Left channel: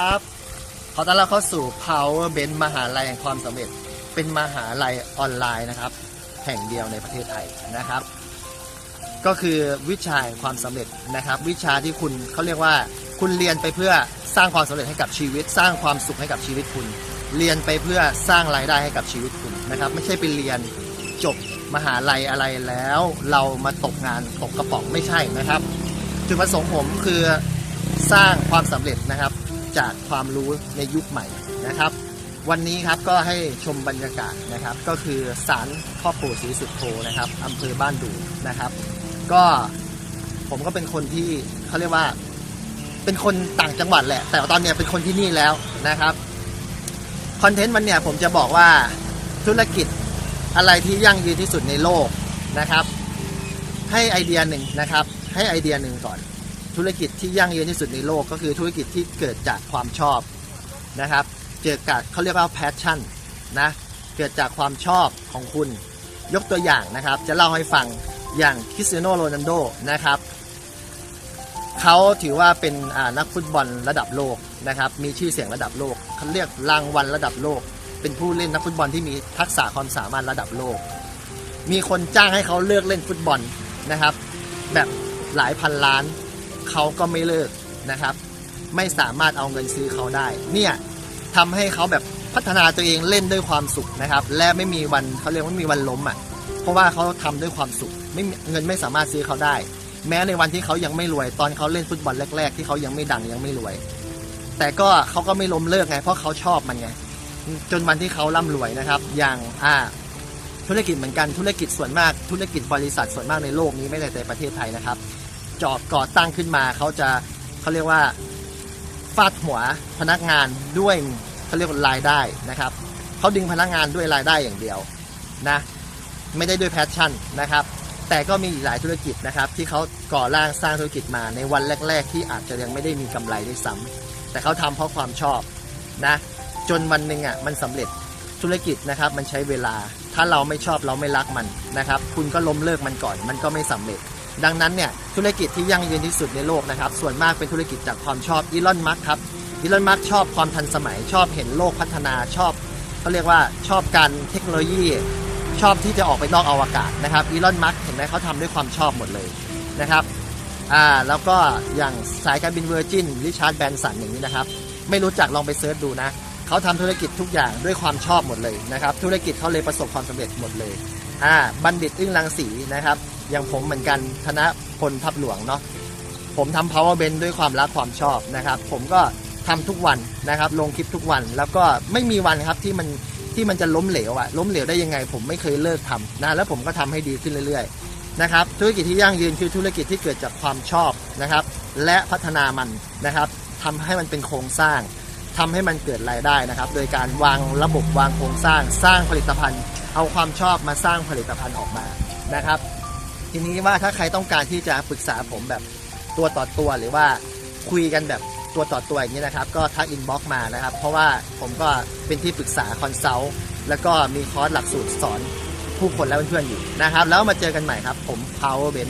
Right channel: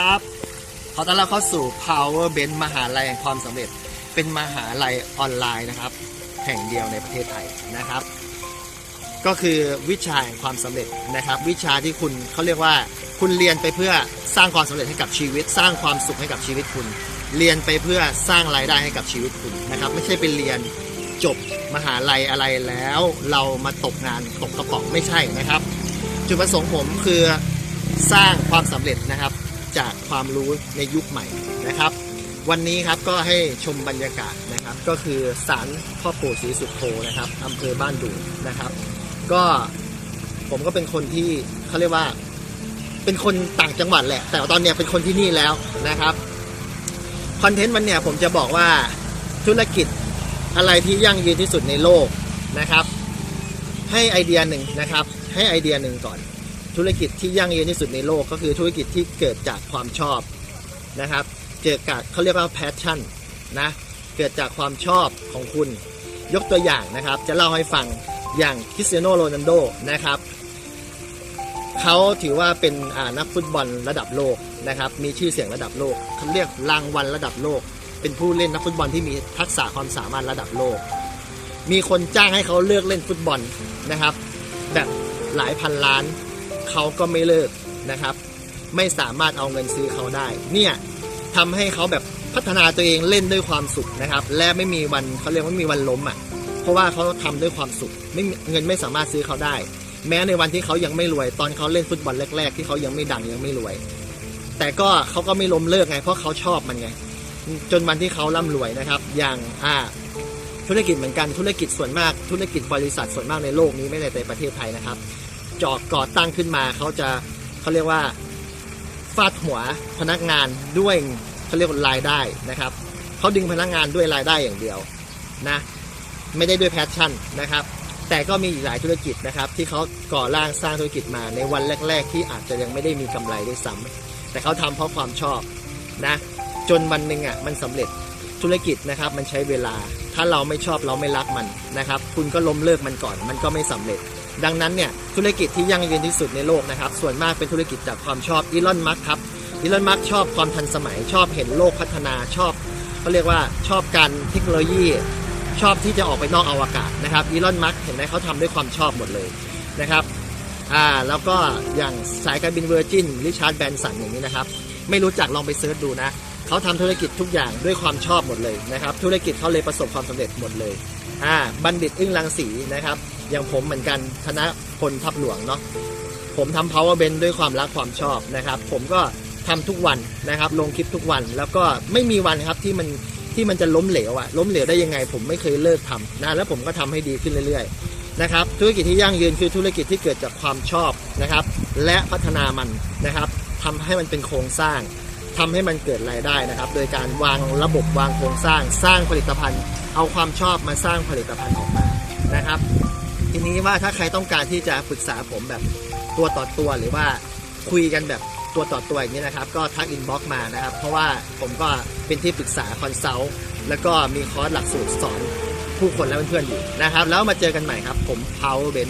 ครับขอต้อนรับเข้าสู่ Power Ben มหาลัยแห่งความสำเร็จ เป็นมหาลัยออนไลน์นะครับ แห่งเดียวในประเทศไทยนะครับ ก็คือวิชาแห่งความสำเร็จนะครับ วิชาที่คุณเขาเรียกว่า คุณเรียนไปเพื่อสร้างความสำเร็จให้กับชีวิต สร้างความสุขให้กับชีวิตคุณ เรียนไปเพื่อสร้างรายได้ให้กับชีวิตคุณนะครับ ไม่ใช่ไปเรียนจบมหาลัยอะไรแล้ว เรามาตกงานตกกระป๋องไม่ใช่นะครับ จุดประสงค์ผมคือสร้างความสำเร็จนะครับ จากความรู้ในยุคใหม่นะครับ วันนี้ครับก็ให้ชมบรรยากาศนะครับ ก็คือศาลพ่อปู่ศรีสุโธนะครับอำเภอบ้านดูนะครับ ก็ผมก็เป็นคนที่เขาเรียกว่าเป็นคนต่างจังหวัดแหละ แต่ตอนเนี้ยเป็นคนที่นี่แล้วนะครับคอนเทนต์วันเนี้ยผมจะบอกว่าธุรกิจอะไรที่ยั่งยืนที่สุดในโลกนะครับ ให้ไอเดียหนึ่งนะครับ ให้ไอเดียหนึ่งก่อน ธุรกิจที่ยั่งยืนที่สุดในโลกก็คือธุรกิจที่เกิดจากความชอบนะครับ เกิดจากเขาเรียกว่า passion นะ เกิดจากความชอบของคุณ ยกตัวอย่างนะครับ จะเล่าให้ฟังอย่างคริสเตียโนโรนัลโดนะครับ เขาถือว่าเป็นนักฟุตบอลระดับโลกนะครับ มีชื่อเสียงระดับโลกเขาเรียกรางวัลระดับโลก เป็นผู้เล่นนักฟุตบอลที่มีทักษะความสามารถระดับโลก มีคนจ้างให้เขาเลิกเล่นฟุตบอลนะครับ แบบหลายพันล้าน เขาก็ไม่เลิกนะครับ ไม่สามารถเอาเงินซื้อเขาได้ เนี่ยทำให้เขาแบบพัฒนาตัวเองเล่นด้วยความสุขนะครับ และไม่มีวันเขาเรียกว่าไม่มีวันล้มอะ เพราะว่าเขาทำด้วยความสุข ไม่เงินไม่สามารถซื้อเขาได้ แม้ในวันที่เขายังไม่รวย ตอนเขาเล่นฟุตบอลแรก ๆ ที่เขายังไม่ดังยังไม่รวย แต่ก็เขาก็ไม่ล้มเลิกไง เพราะเขาชอบมันไง จนวันที่เขาร่ำรวยนะครับ อย่างอ่าธุรกิจเหมือนกันธุรกิจส่วนมากธุรกิจบริษัทส่วนมากในโลกนี้ไม่ได้ในประเทศไทยนะครับ จอก่อตั้งขึ้นมาเขาจะเขาเรียกว่าฟาดหัวพนักงานด้วยเขาเรียกว่ารายได้นะครับเขาดึงพนักงานด้วยรายได้อย่างเดียวนะไม่ได้ด้วยแพชชั่นนะครับ แต่ก็มีหลายธุรกิจนะครับ ที่เขาก่อร่างสร้างธุรกิจมาในวันแรก ๆ ที่อาจจะยังไม่ได้มีกำไรด้วยซ้ำแต่เขาทำเพราะความชอบนะจนวันหนึ่งอะมันสำเร็จธุรกิจนะครับมันใช้เวลา ถ้าเราไม่ชอบเราไม่รักมันนะครับ คุณก็ล้มเลิกมันก่อน มันก็ไม่สำเร็จ ดังนั้นเนี่ยธุรกิจที่ยั่งยืนที่สุดในโลกนะครับ ส่วนมากเป็นธุรกิจจากความชอบอีลอนมัสครับอีลอนมัสชอบความทันสมัย ชอบเห็นโลกพัฒนาชอบเขาเรียกว่าชอบการเทคโนโลยี ชอบที่จะออกไปนอกอวกาศนะครับอีลอนมัสเห็นไหมเขาทำด้วยความชอบหมดเลยนะครับอ่าแล้วก็อย่างสายการบินเวอร์จินริชาร์ดแบนสันอย่างนี้นะครับ ไม่รู้จักลองไปเซิร์ชดูนะเขาทำธุรกิจทุกอย่างด้วยความชอบหมดเลยนะครับ ธุรกิจเขาเลยประสบความสำเร็จหมดเลย อ่าบัณฑิตอึ้งรังสีนะครับ อย่างผมเหมือนกันธนพลทับหลวงเนาะผมทำ power band ด้วยความรักความชอบนะครับ ผมก็ทำทุกวันนะครับ ลงคลิปทุกวันแล้วก็ไม่มีวันครับที่มันที่มันจะล้มเหลวอะล้มเหลวได้ยังไง ผมไม่เคยเลิกทำนะแล้วผมก็ทำให้ดีขึ้นเรื่อยๆนะครับธุรกิจที่ยั่งยืนคือธุรกิจที่เกิดจากความชอบนะครับ และพัฒนามันนะครับทำให้มันเป็นโครงสร้าง ทำให้มันเกิดรายได้นะครับ โดยการวางระบบวางโครงสร้างสร้างผลิตภัณฑ์ เอาความชอบมาสร้างผลิตภัณฑ์ออกมานะครับ ทีนี้ว่าถ้าใครต้องการที่จะปรึกษาผมแบบตัวต่อตัวหรือว่าคุยกันแบบตัวต่อตัวอย่างนี้นะครับ ก็ทักอินบ็อกมานะครับ เพราะว่าผมก็เป็นที่ปรึกษาคอนซัลท์แล้วก็มีคอร์สหลักสูตรสอนผู้คนและเพื่อนๆอยู่นะครับ แล้วมาเจอกันใหม่ครับ ผม Power Ben